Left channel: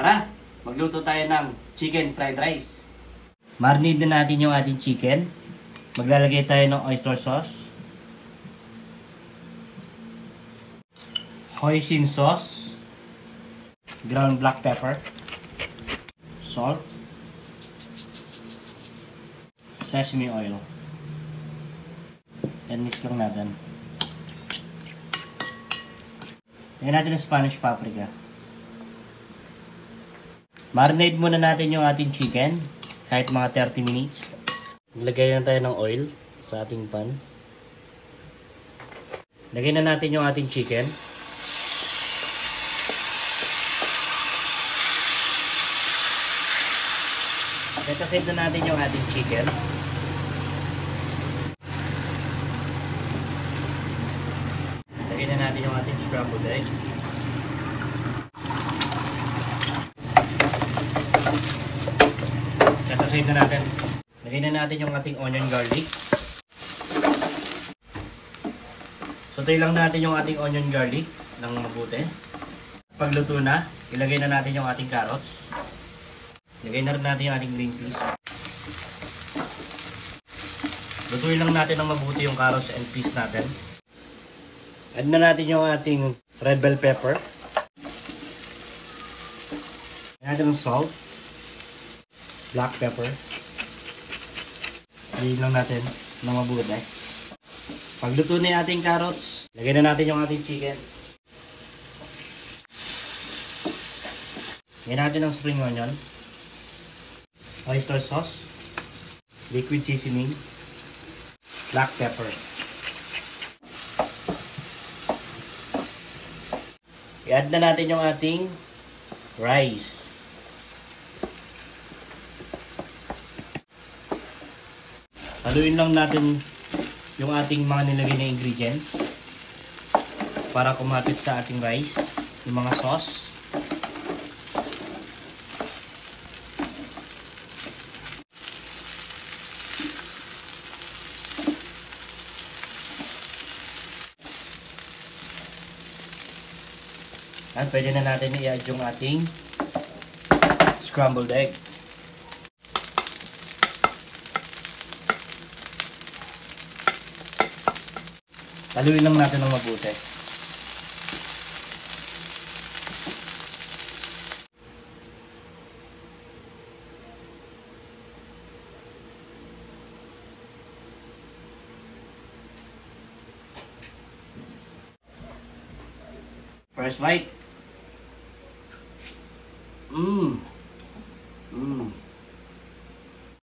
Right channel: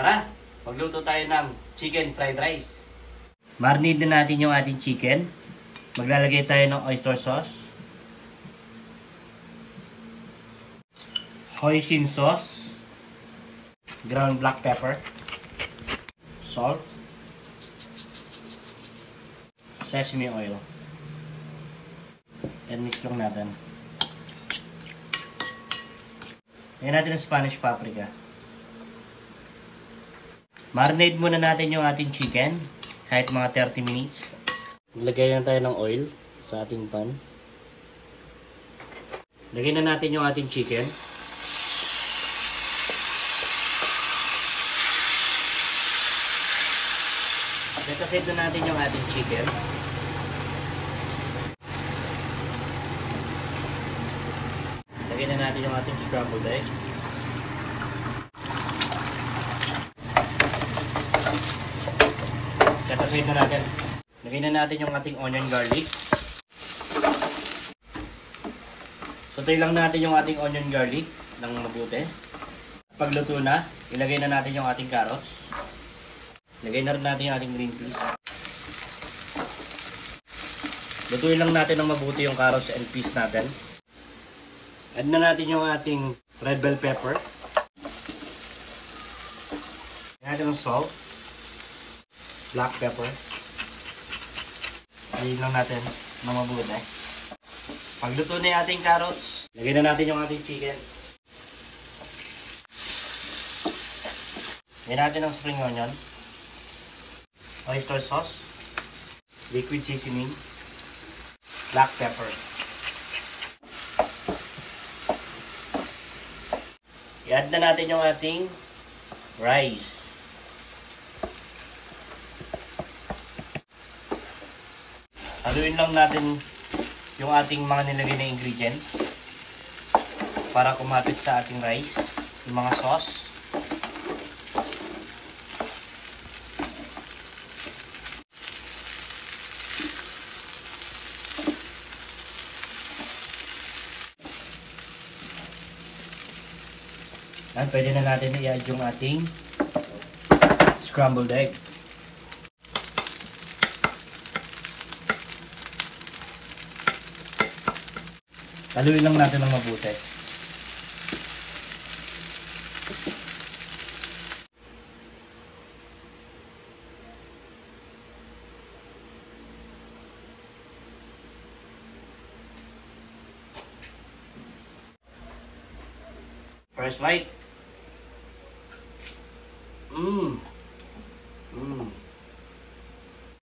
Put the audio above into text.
Tara, magluto tayo ng chicken fried rice. Marinate na natin yung ating chicken. Maglalagay tayo ng oyster sauce, hoisin sauce, ground black pepper, salt, sesame oil. And mix lang natin. Lagyan natin ng Spanish paprika. Marinate muna natin yung ating chicken kahit mga 30 minutes. Lagay na tayo ng oil sa ating pan. Lagyan na natin yung ating chicken. Set na natin yung ating chicken. Lagyan na natin yung ating scrambled egg. Set na natin. Lagyan na natin yung ating onion garlic. Sotay lang natin yung ating onion garlic ng mabuti. Pagluto na, ilagay na natin yung ating carrots. Lagay na rin natin yung ating green peas. Lutuin lang natin ng mabuti yung carrots and peas natin. Add na natin yung ating red bell pepper. Add natin yung salt, black pepper. Lagyan lang natin ng mabuti. Pagluto na yung ating carrots, lagay na natin yung ating chicken. Lagyan natin ng spring onion, oyster sauce, liquid seasoning, black pepper. I-add na natin yung ating rice. Haluin lang natin yung ating mga nilagay na ingredients para kumapit sa ating rice, yung mga sauce. At pwede na natin i-add yung ating scrambled egg. Haluin lang natin ng mabuti. First bite.